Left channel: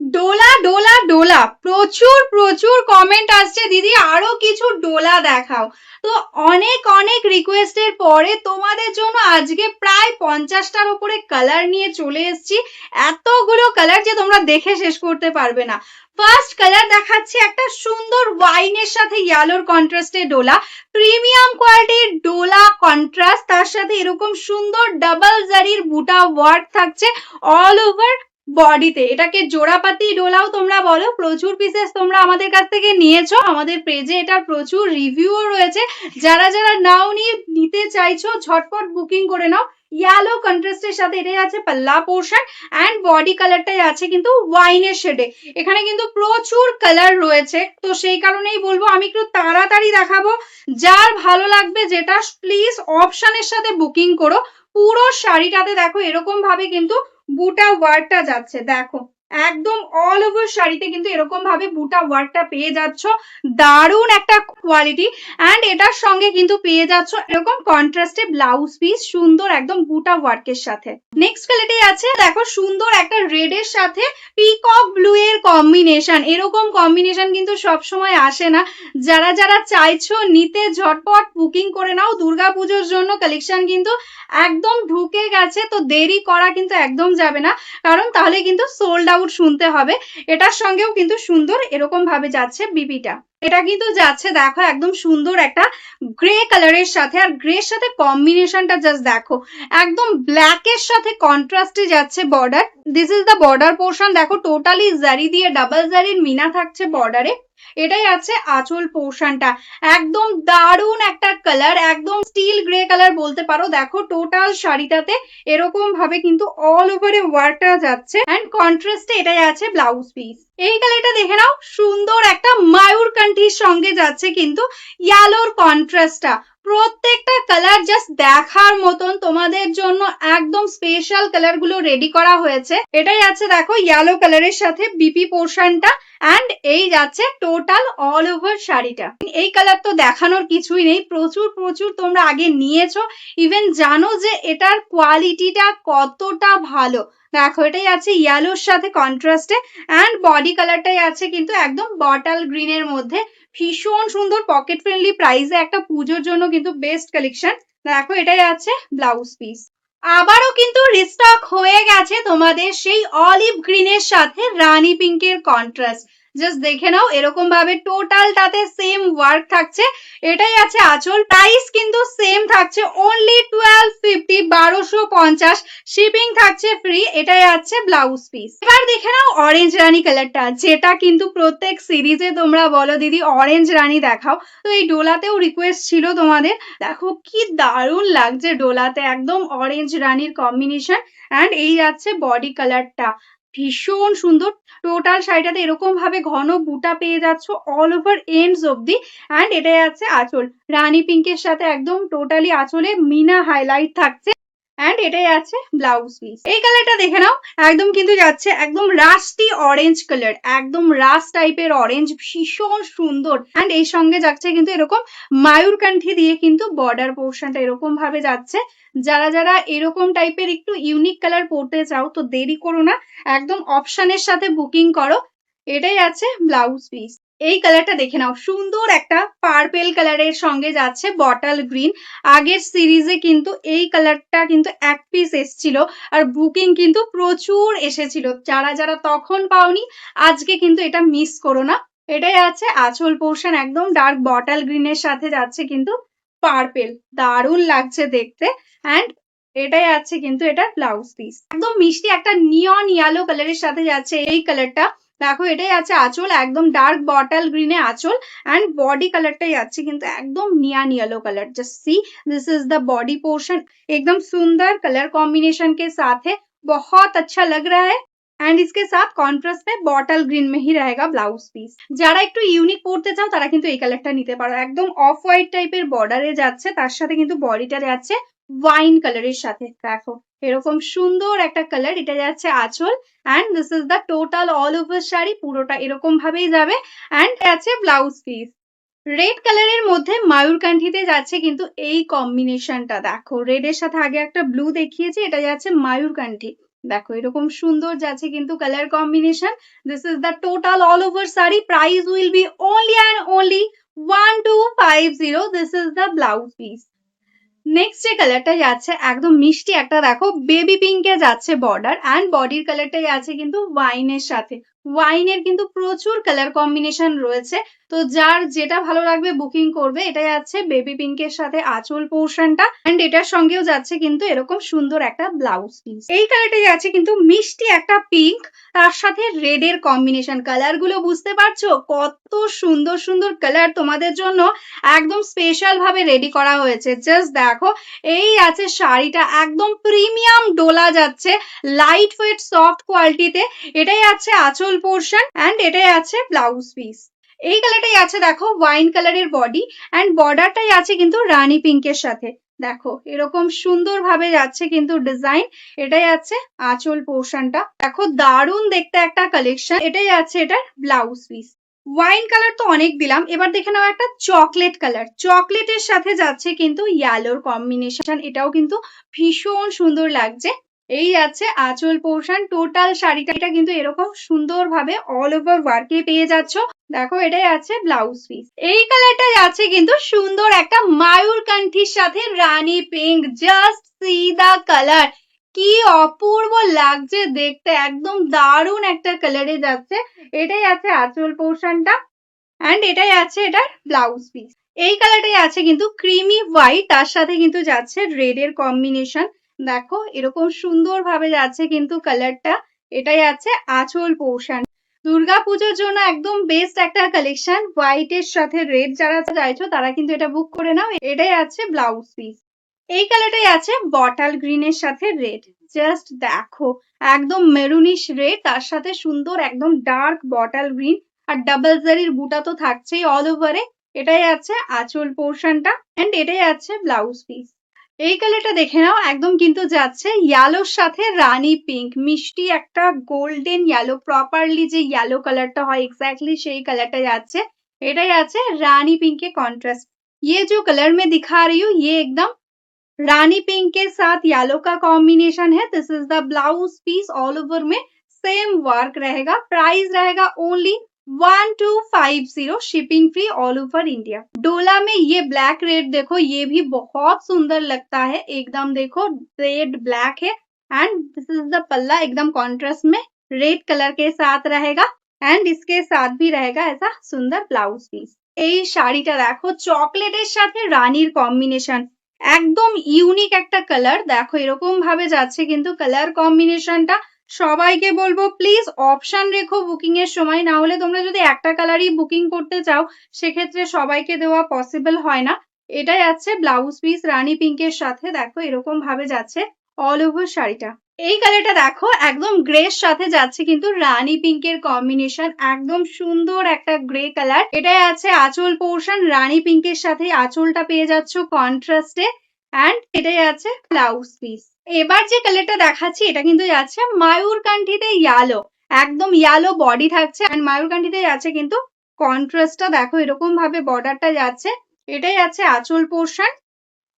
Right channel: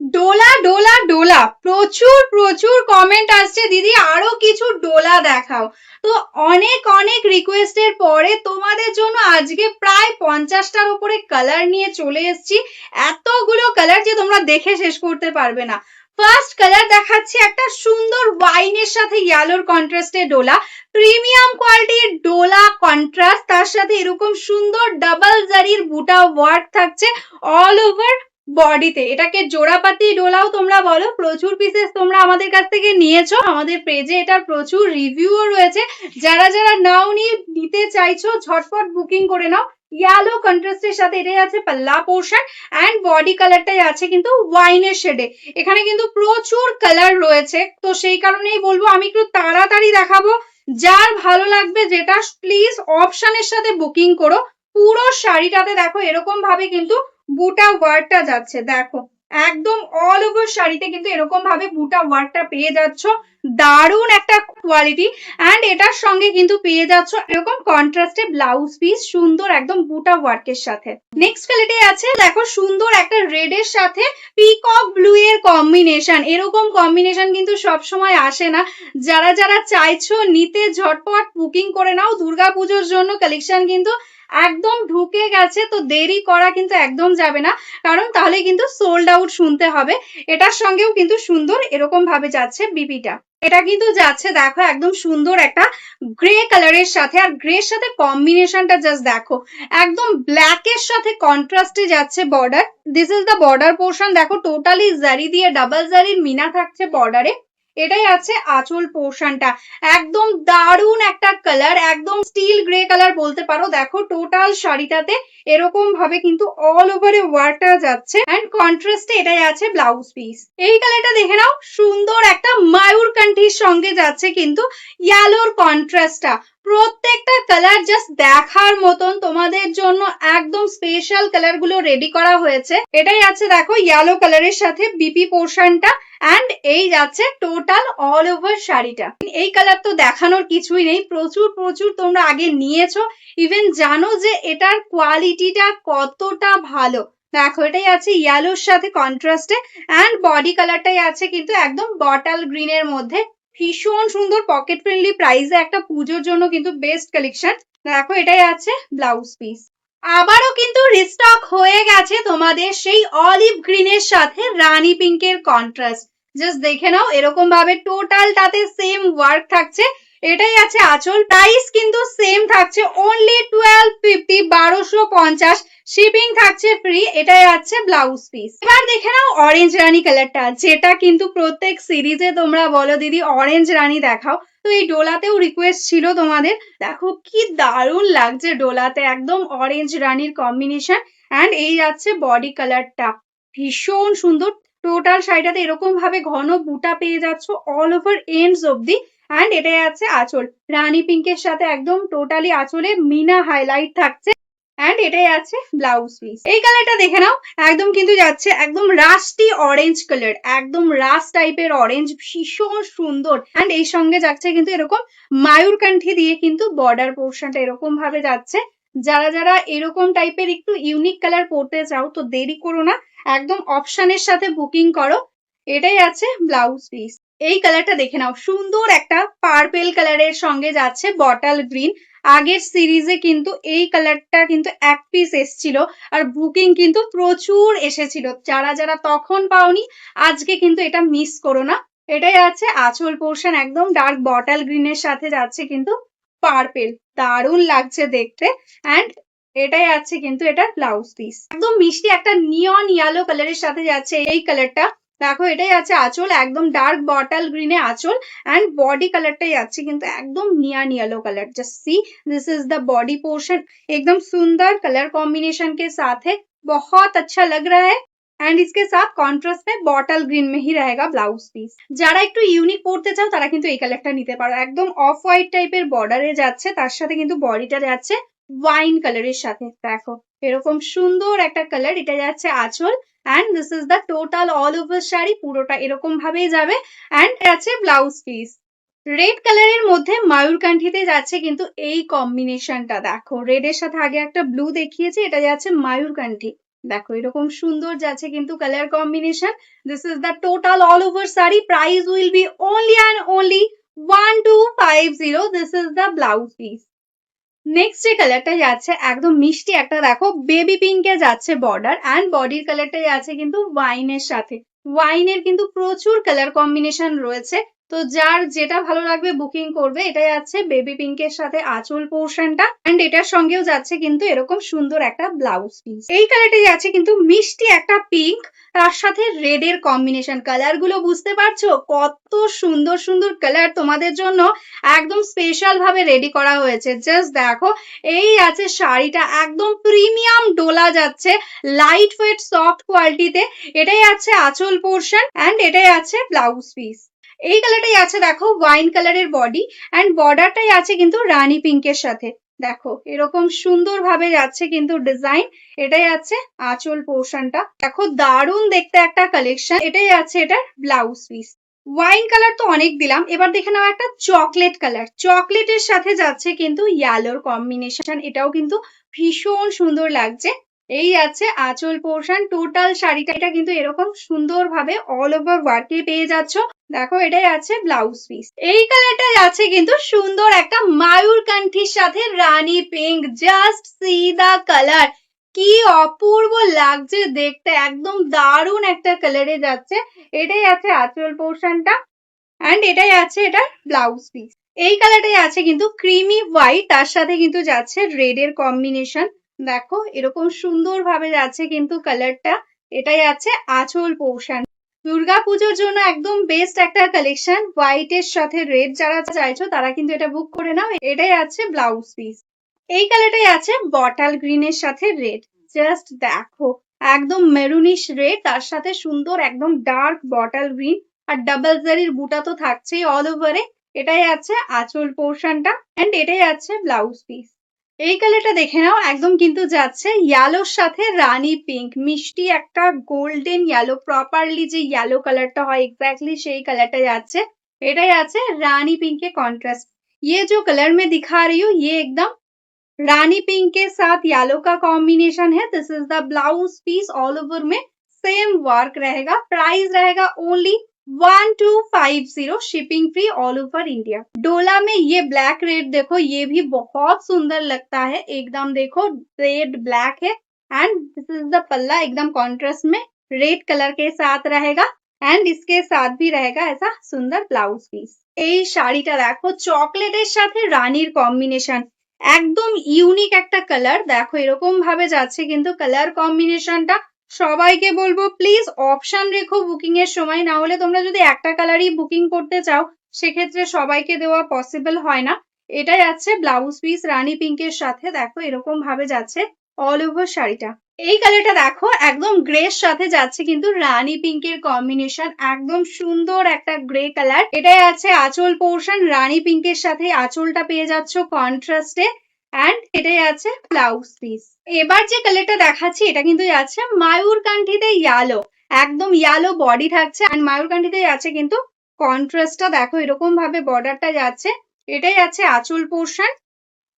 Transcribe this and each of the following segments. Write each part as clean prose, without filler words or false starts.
ডোলা ডোলা ডোলা, প্রচুর প্রচুর কমেন্ট আসছে দিদি আরো কিছু ডোলা দেখাও। তো অনেক অনেক রিকোয়েস্টের পরে তোমাদের জন্য আজকে প্রায় 50টার উপরে কালার নিয়ে চলে এসেছি। এতগুলো কালার যে তোমরা দেখে শেষ করতে পারবে না। ফার্স্ট কালার দেখাচ্ছি একটা সুন্দর ওয়াইনের সাথে ইয়েলোর কন্ট্রাস্টে ডোলা, প্রিমিয়াম কোয়ালিটির ডোলা কন্ট্রাস্ট, তার সাথে এরকম সুন্দর ডাবল জারির বুটা ওয়ার্ক থাকছে অল ওভার বডিতে। এটাকে জোড়াপাতি ডোলাও তোমরা বলো। প্রচুর পিসেস তোমরা আমাদের কাছ থেকে নিয়েছো, আমাদের পেজে এটার প্রচুর রিভিউও রয়েছে। যারা যারা নিতে চাইছো ঝটপট বুকিং করে নাও। ইয়েলো কন্ট্রাস্টের সাথে এটাই আছে পাল্লা পোর্শন, অ্যান্ড বডি কালারটাই আছে কিন্তু ওয়াইনের শেডে। এখানে কিন্তু প্রচুর কালার রয়েছে, তো সেই কারণেই বলবো আমি একটু তাড়াতাড়ি দেখাবো। যার ভালো লাগবে যেটা প্লিজ অপশনের সাথে বুকিং করো। পুরো শাড়িটাতে দেখো এরকম ভাবে কিন্তু বুটা ওয়ার্কটা যাচ্ছে, দেখো একদম অল ওভার শাড়িতে কিন্তু এরকম ভাবে বুটা ওয়ার্কটা পেয়ে যাচ্ছ। দারুণ একটা কোয়ালিটি। অ্যান্ড এটার সঙ্গে কিন্তু পেয়ে যাচ্ছ এরকম কন্ট্রাস্টে ব্লাউজ পিস, সুন্দর একদম বুটা ওয়ার্কের সাথে। নেক্সট কোয়ালিটি আছে দেখো সুন্দর একটা রেড এর সাথে পিকক ব্লু এর কম্বিনেশন। এরকম কম্বিনেশন কিন্তু সব সময় আসে না। যারা যারা চাইছো নিতে ঝটপট বুকিং করে নাও। দুর্গাপুজোর জন্য কালেকশন কিন্তু একদম ঢুকে গেছে, তো দেরি করা কিন্তু একদম যাবে না, কারণ তাহলে কিন্তু সোল্ড আউট শুনতে হবে। এটার সঙ্গেও কিন্তু সুন্দর এরকম ভাবে যাচ্ছে বিপিটা। এটা কিন্তু যাচ্ছে দেখো একদম সুন্দর একটা গ্রে কালারের সাথে, আর গ্রের সাথে কম্বিনেশনটা জাস্ট দেখো একদম ব্ল্যাকের সাথে কন্ট্রাস্টে যাচ্ছে border. This is the border portion, দেখো টোটালি জারি দিয়ে ডাবল জারির মিনা থাকছে বর্ডারে। এটাই আছে আঁচল পোর্শনটা। একদম দারুণ একটা কালার, একদম স্টিল গ্রে কালার বলতে পারো। দেখো টোটাল শাড়িটাতে এরকম ভাবে কিন্তু অল ওভারে ওয়ার্কটা যাচ্ছে, এন্ড কন্ট্রাস্টে এটাই আছে ব্লাউজ পিস। এই কালারটা দেখে নাও, সুন্দর একটা মায়ূরকান্ঠির সঙ্গে যাচ্ছে কিন্তু ইয়েলোর কন্ট্রাস্টটা। প্রত্যেকটা কালার জাস্ট দেখার মতন, তোমাদের জন্য একদম স্পেশাল কালার গুলো রেডি করা হয়েছে। এটাই আছে দেখো ইয়েলো কালারের সাথে বিপি পোর্শনটা, অ্যান্ড এই যাচ্ছে টোটাল অল ওভার শাড়িটা। এই কালার তো দেখানোর কিছুই নেই, প্রচুর প্রচুর তোমরা আগে নিয়েছো, ইভেন জানো যে এটার কোয়ালিটিটা কতটা ভালো। দেখো এটাই আছে ইয়েলোর সাথে কন্ট্রাস্টে, অ্যান্ড বডি কালারটাই আছে কিন্তু একদম বটল গ্রিনের মধ্যে। ভীষণ সুন্দর, পকেট ফ্রেন্ডলি প্রাইসে একটা পুজোর জন্য কিন্তু বেস্ট কালেকশন। দেখো এটাই আছে ব্লাউজ পিস। আবারও কিন্তু রিস্টক হয়ে গেছে তোমাদের সেই অলিভ গ্রিনের সাথে রানী পিঙ্কের কন্ট্রাস্ট। জাস্ট দেখে নাও এরকম ভাবে টোটালটাতে সেম ওয়ার্ক থাকছে। এটাই আছে আঁচল, প্রাইস কিন্তু সেম থাকছে অনলি 1250, 1250, শিপিং থাকছে ফ্রি। এটাই আছে ব্লাউজ পিস। এবার দেখে নাও অরেঞ্জ রানী কালারটা, যেটা কিন্তু প্রত্যেক সিরিজে তোমরা বলো দিদি অরেঞ্জ রানী দেখাও, তো এই ডোলাতেও রিকোয়েস্ট ছিল তোমাদের। দেখো কি দারুণ লাগছে ডোলাতে, একদম অরেঞ্জ রানীর কম্বিনেশন, অ্যান্ড এই যাচ্ছে বডি কালারটা ভীষণ সুন্দর। টোটাল শাড়িটাতে এরকম ভাবে ঘন বুটা পেয়ে যাচ্ছ অল ওভার এন্ডস অব্দি, অ্যান্ড এটাই আছে আঁচল রানী পিঙ্কের সাথে একদম টোটালি আঁচলে মিনা হাইলাইট থাকছে, অ্যান্ড এটাই আছে ব্লাউজ পিস। এই কালারটা দেখে নাও, একদম কিন্তু যাচ্ছে একদম রাস্টি অরেঞ্জ কালার, একদম রাস্ট টাইপের অরেঞ্জ, ভীষণ সুন্দর। অ্যান্ড এই সঙ্গে যাচ্ছে কিন্তু এরকম মায়ূরকান্ঠি দিয়ে কিন্তু বর্ডার পোর্শনটা এরকম ভাবে যাচ্ছে। যারা যারা এরকম টাইপের একটু ইউনিক কালার পড়তে চাও তো দেরি করো না, একদম অপশনের সাথে বুকিং করো। এটাই আছে ব্লাউজ পিস। এই কালারটা দেখে নাও, সুন্দর একটা পার্পেল কালারের সঙ্গে যাচ্ছে বটল গ্রিন। আগের সিরিজে কিন্তু এই কালারটা কিন্তু এক পিস এসছিল, আর বুকিং কিন্তু প্রচুর এসেছিল। যারা যারা তখন পাওনি আজকে কিন্তু এটা মিস করো না। এটাই আছে আঁচল পোর্শন, একদম ডার্ক বটল গ্রিনের সাথে যাচ্ছে কিন্তু পার্পেল, দারুণ লাগছে দেখতে। অ্যান্ড এটাই আছে কিন্তু এটা ব্লাউজ পিস, একদম মিষ্টি একটা নিয়ন ইয়েলো কালারের সাথে যাচ্ছে এই কালারটা। দেখো এটাই আছে আঁচল, একদম ডার্ক বটল গ্রিনে আঁচল, অ্যান্ড বডি কালারটাই আছে কিন্তু একদম neon yellow colour. Just see, this is the body portion, एकदम सुंदर कलर कॉम्बिनेशन के साथ है, बहुत अच्छा लग रहा है। एंड इसके साथ कॉन्ट्रास्ट में बॉटल ग्रीन में ही रहेगा ब्लाउज পিস। যারা একটু ইউনিক পড়তে চাও তারা কিন্তু এই কালারটা নিতে পারো, একদম অফ হোয়াইট টাইপের বর্ডারে যাচ্ছে, তার সাথে কিন্তু বডিটা যাচ্ছে ওয়াইন কালারের সাথে। দেখো এরকম সুন্দর একটা কালার, এটা যাচ্ছে আঁচল, and this is the total all over sari, পুরোটা এরকম ভাবেই যাবে। অ্যান্ড আছে ব্লাউজ পিস। রেড কালারের মধ্যে মায়ূরকান্ঠিতে যাচ্ছে কিন্তু এই কম্বিনেশনটা। দেখো রেড এর সাথে আগে একটা ব্লু দেখিয়েছি, এটা যাচ্ছে মায়ূরকান্ঠি, দেখো এরকম সুন্দর যাচ্ছে কিন্তু colour combination. This is the total all over sari, price will be only and only 1250। This is the blouse piece. Next যে কালারটা যাচ্ছে একদম মিষ্টি একটা, দেখো বেবি পিঙ্কে যাচ্ছে বর্ডার, অ্যান্ড বডির কালারটা যাচ্ছে কিন্তু ওয়াইনের সাথে। ওয়াইনের কিন্তু প্রচুর কালার কম্বিনেশন রয়েছে, তো যার যেটা ভালো লাগবে বুকিং করবে। এটা যাচ্ছে বেবি পিঙ্কের সাথে আঁচল পোর্শনটা, অ্যান্ড এটার সঙ্গেও যাচ্ছে কিন্তু এরকম সুন্দর একটা ব্লাউজ পিস। এই কালারটা যাচ্ছে কিন্তু মিষ্টি একটা পিঙ্ক, তার সাথে রেড এর কম্বিনেশন। কালার গুলো বুঝতে পারছো কত সুন্দর সুন্দর কালার তোমাদের জন্য একদম স্পেশাল ভাবে রেডি করা হয়েছে। জাস্ট দেখো, এই আছে শাড়িটা, একদম প্রিমিয়াম ডোলা যাচ্ছে, লাইট ওয়েট সফট কোয়ালিটিতে। এটাই আছে আঁচল পোর্শন, অ্যান্ড এটাই আছে ব্লাউজ পিস। এই কালারটাই আছে দেখো ওয়াইন কালারের বডি, অ্যান্ড বর্ডারটাই আছে কিন্তু রানী পিঙ্কের সাথে। দেখো এরকম সুন্দর ভাবে যাচ্ছে কিন্তু ডিজাইন। এটাই আছে আঁচল পোর্শনটা, দেখো দারুণ দেখতে একটা কালেকশন। এটাই আছে এটার ব্লাউজ পিস। ওয়াইন কালার তো অনেক দিলাম, এবার দেখে নাও একটা চকলেট কালার। চকলেটের সাথে যাচ্ছে কিন্তু ইয়েলোর কম্বিনেশন, এটাও কিন্তু ভীষণ সুন্দর লাগছে। এই আছে আঁচল পোর্শন, টোটাল শাড়িটা কিন্তু এরকম সুন্দর ভাবে অল ওভার ওয়ার্কে পেয়ে যাচ্ছ। দেখো এটাই আছে ব্লাউজ পিস। এই কালারটাই আছে কিন্তু সুন্দর একটা মায়ূরকান্ঠির সাথে rani pink. Just see the colour, কি অপূর্ব লাগছে দেখতে, একদম দারুণ একটা কালারে যাচ্ছে। এটাই আছে আঁচল পোর্শনটা, অ্যান্ড এটাই আছে এটার ব্লাউজ পিস। এই কালারটাই আছে কিন্তু ক্রিমি হোয়াইট, তার সাথে কিন্তু যাচ্ছে রেড এর কম্বিনেশন। দেখো এরকম সুন্দর ভাবে যাচ্ছে কিন্তু কালারটা। এটাই আছে আঁচল পোর্শন। দুর্গাপুজোর জন্য একদম বেস্ট একটা কালেকশন, হোয়াইট এর সাথে রেড। যারা চাইছো তারা কিন্তু এটা বুক করে নাও। এটাই আছে ব্লাউজ পিস। এই কালারটাই আছে বটল গ্রিনের সাথে রেড। জাস্ট দেখো, একদম মেরুনিশ রেড, তার সাথে সুন্দর একদম ডার্ক বটল গ্রিন, আর ডাবল জারির বুটা তো থাকছেই অল ওভারে। এটাই আছে আঁচল পোর্শনটা, এন্ড এটাই আছে ব্লাউজ পিস। এই কালারটা দেখে নাও, একদম কিন্তু যাচ্ছে ইয়েলোর সাথে রানী পিঙ্ক, মিষ্টি একটা গোল্ডেন ইয়েলো, প্রপারলি যে ইয়েলো কালারটা হয় এক্স্যাক্টলি সেই কালারটা যাচ্ছে। এটাই আছে रानी पिंक के कॉन्ट्रास्ट। ये जो कलर मैं दिखा रही हूँ ये एकदम रानी पिंक के साथ येलो का कॉम्बिनेशन है। This is the blouse piece, all over में सेम वर्क रहेगा। प्राइस रहेगा only 1250, shipping free all over India. डोला में ये ब्लैक रेड देखो, ये भी बहुत सुंदर लगता है एकदम। देखो रेड ब्लैक है, एंड दिस इज द पल्ला, एकदम कॉन्ट्रास्ट में रेड कलर के साथ रहेगा, एंड इसके साथ भी रहेगा ऐसा सुंदर ब्लाउज पीस। এই শাড়িটা দেখো চকলেটের সাথে রানীর কম্বিনেশন, একদম ইউনিক একটা কালার। দেখো এরকম ভাবে যাচ্ছে কিন্তু কালার কম্বিনেশনটা। সবাইকে বলবো প্লিজ অপশন রেখো বুকিং এর সময়, না হলে তোমরা যদি একটা কালারই বুকিং করতে চাও সেক্ষেত্রে সবাইকে দেওয়া পসিবল হয় না। এটাই যাচ্ছে ব্লাউজ পিস রানী পিঙ্কের সাথে। দেখো এরকম ভাবে যাচ্ছে অল ওভার শাড়িটা। এই কালারটা দেখো একদম গ্রে সাথে যাচ্ছে কিন্তু রানী পিঙ্কের কম্বিনেশন, একদম সুন্দর একটা গ্রে কালার। এটাই আছে আঁচল পোর্শন, রানী পিঙ্কের সাথে আঁচলটা পেয়ে যাচ্ছ কন্ট্রাস্টে, অ্যান্ড এটাই আছে ব্লাউজ পিস। এবার যে কালারটা দেখাচ্ছি এটা কিন্তু যাচ্ছে মায়ূরকান্ঠিতে ইয়েলো, একদম ইয়েলো বডি থাকছে, অ্যান্ড মায়ূরকান্ঠিতে যাচ্ছে কিন্তু কন্ট্রাস্টটা। দেখো এরকম ভাবে বর্ডারটা যাচ্ছে। এটাই আছে আঁচল পোর্শন,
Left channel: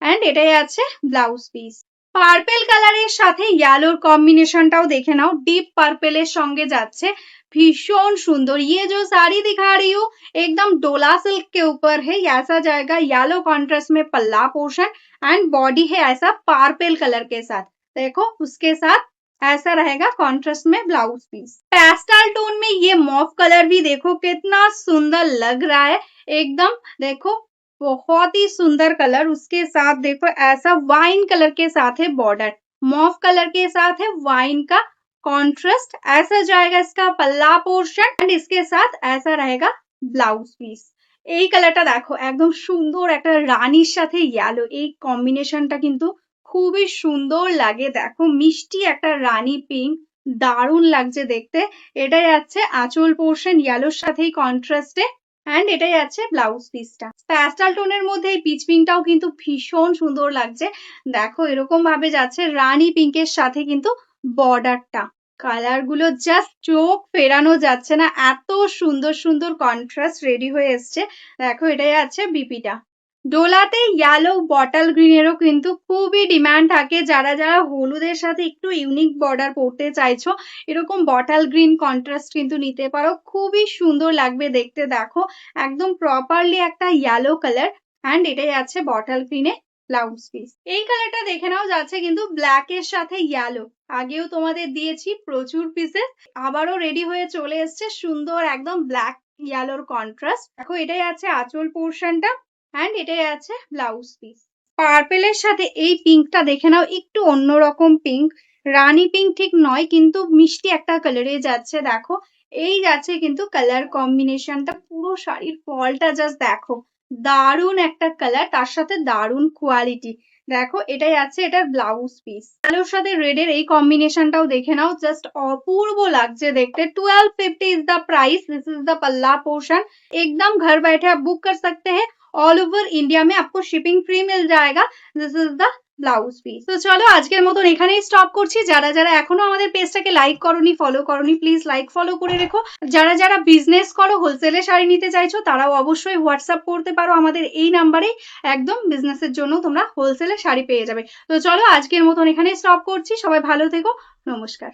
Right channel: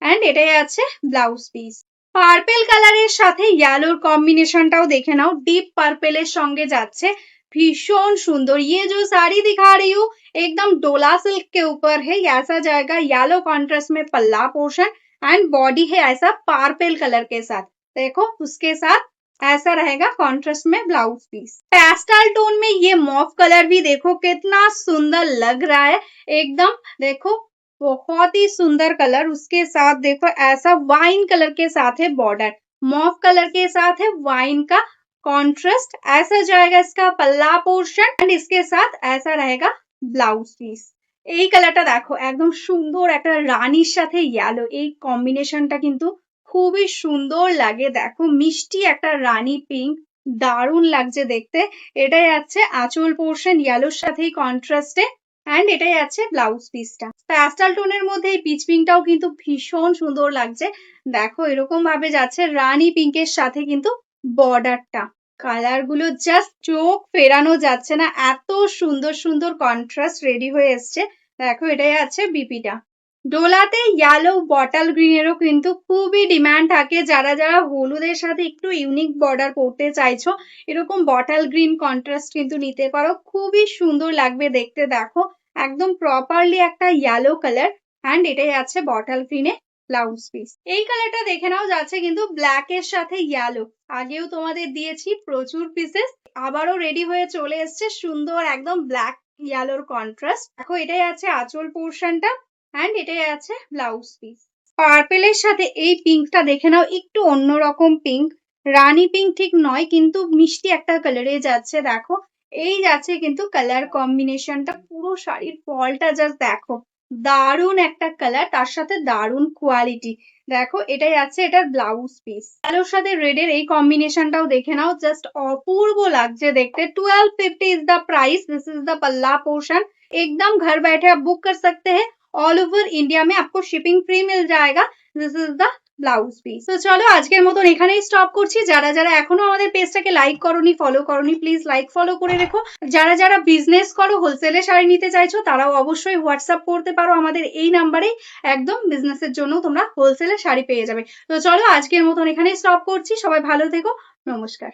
অ্যান্ড এটাই আছে ব্লাউজ পিস। পার্পেল কালারের সাথে ইয়েলোর কম্বিনেশনটাও দেখে নাও, ডিপ পার্পেলের সঙ্গে যাচ্ছে, भीषण सुंदर। ये जो साड़ी दिखा रही हूँ एकदम डोला सिल्क के ऊपर है, ऐसा जाएगा येलो कॉन्ट्रास्ट में पल्ला पोर्शन, एंड बॉडी है ऐसा पार्पल कलर के साथ। देखो उसके साथ ऐसा रहेगा कॉन्ट्रास्ट में ब्लाउज पीस। पेस्टल टोन में ये मॉफ कलर भी देखो कितना सुंदर लग रहा है एकदम। देखो बहुत ही सुंदर कलर, उसके साथ देखो ऐसा वाइन कलर के साथ है बॉर्डर, मॉफ कलर के साथ है वाइन का कॉन्ट्रास्ट। ऐसा जाएगा इसका पल्ला पोर्शन, एंड इसके साथ ऐसा रहेगा ब्लाउज পিস। এই কালারটা দেখো একদম সুন্দর একটা রানীর সাথে ইয়েলো, এই কম্বিনেশনটা কিন্তু খুবই সুন্দর লাগে। দেখো মিষ্টি একটা রানী পিঙ্ক, দারুণ লাগছে দেখতে। এটাই আছে আঁচল পোর্শন ইয়েলোর সাথেই কন্ট্রাস্টে, অ্যান্ড এটাই আছে ব্লাউজ পিসটা। প্যাস্টেল টোনের মধ্যে এই পিচ পিঙ্কটাও কিন্তু ভীষণ সুন্দর লাগছে। দেখো এরকম ভাবে যাচ্ছে রানী পিঙ্কের সাথে কিন্তু বর্ডারটা, কালার গুলো জাস্ট চোখ ফেরানো যাচ্ছে না, এত সুন্দর সুন্দর কন্ট্রাস্ট রেডি হয়ে এসছে। দেখো এটাই আছে বিপিটা। ডোলাতে ইয়েলো বটল গ্রিনেরও কিন্তু খুবই ডিমান্ড থাকে। যারা যারা হলুদের সাথে একটু ইউনিক বর্ডার করতে চাইছো, এরকম বটল গ্রিন কন্ট্রাস্ট কিন্তু নিতে পারো। খুবই সুন্দর লাগবে দেখতে। দেখো একদম প্রপারলি একটা ইয়েলো কালার, অ্যান্ড এটাই আছে বটল গ্রিনে ব্লাউজ পিস। এই কালারটা দেখে নাও, যাচ্ছে কিন্তু ব্ল্যাক এর সাথে ইয়েলো। আগেও তোমাদের দিয়েছি প্রচুর পিসেস, আবারও রেডি হয়ে চলে এসছে সুন্দর একদম ব্ল্যাক ইয়েলোর কন্ট্রাস্ট। দেখো এটাই আছে আঁচল পোর্শনটা, অ্যান্ড এটাই আছে ব্লাউজ পিস। পার্পেলের সাথে এই পিঙ্কটা দেখে নাও, একটু অন্যরকম পিঙ্ক, রানী পিঙ্ক ঠিক নয় কিন্তু মিষ্টি একটা কালারে যাচ্ছে। দেখো এই যাচ্ছে কিন্তু কালার কম্বিনেশনটা, পুরো শাড়ির ফলটা জাস্ট দেখো, দারুণ একটা কালার, তার সাথে দারুণ কোয়ালিটি। দেখো এটাই আছে এটার ব্লাউজ পিস। কালোর সাথে রেড এর এই কম্বিনেশনটাও দেখে নাও, জাস্ট অপূর্ব লাগছে দেখতে। 1250 is the price. This is the पल्ला पोर्शन। एकदम घर बैठे आप बुक कर सकते हैं। ऑल ओवर इंडिया में आपको शिपिंग फ्री मिल जाएगा। This is the blouse piece. তো চলো আজকের মতন এখানেই স্টপ করছি। যারা যারা এখনো আমাদের পেজটাকে লাইক করোনি, ফলো করোনি, প্লিজ লাইক ফলো করে রেখো। যারা যারা বিজনেস করো, হোলসেলে শাড়ি নিতে চাইছো, তারাও অবশ্যই হোয়াটসঅ্যাপ করতে পারো আমাদের এই নাম্বারে। একদম বিজনেসের জন্য তোমরা হোলসেলে শাড়ি পেয়ে যাবে। তো চলো আজকের মতন এখানেই স্টপ করছি। সবাই ভালো থেকো, নমস্কার।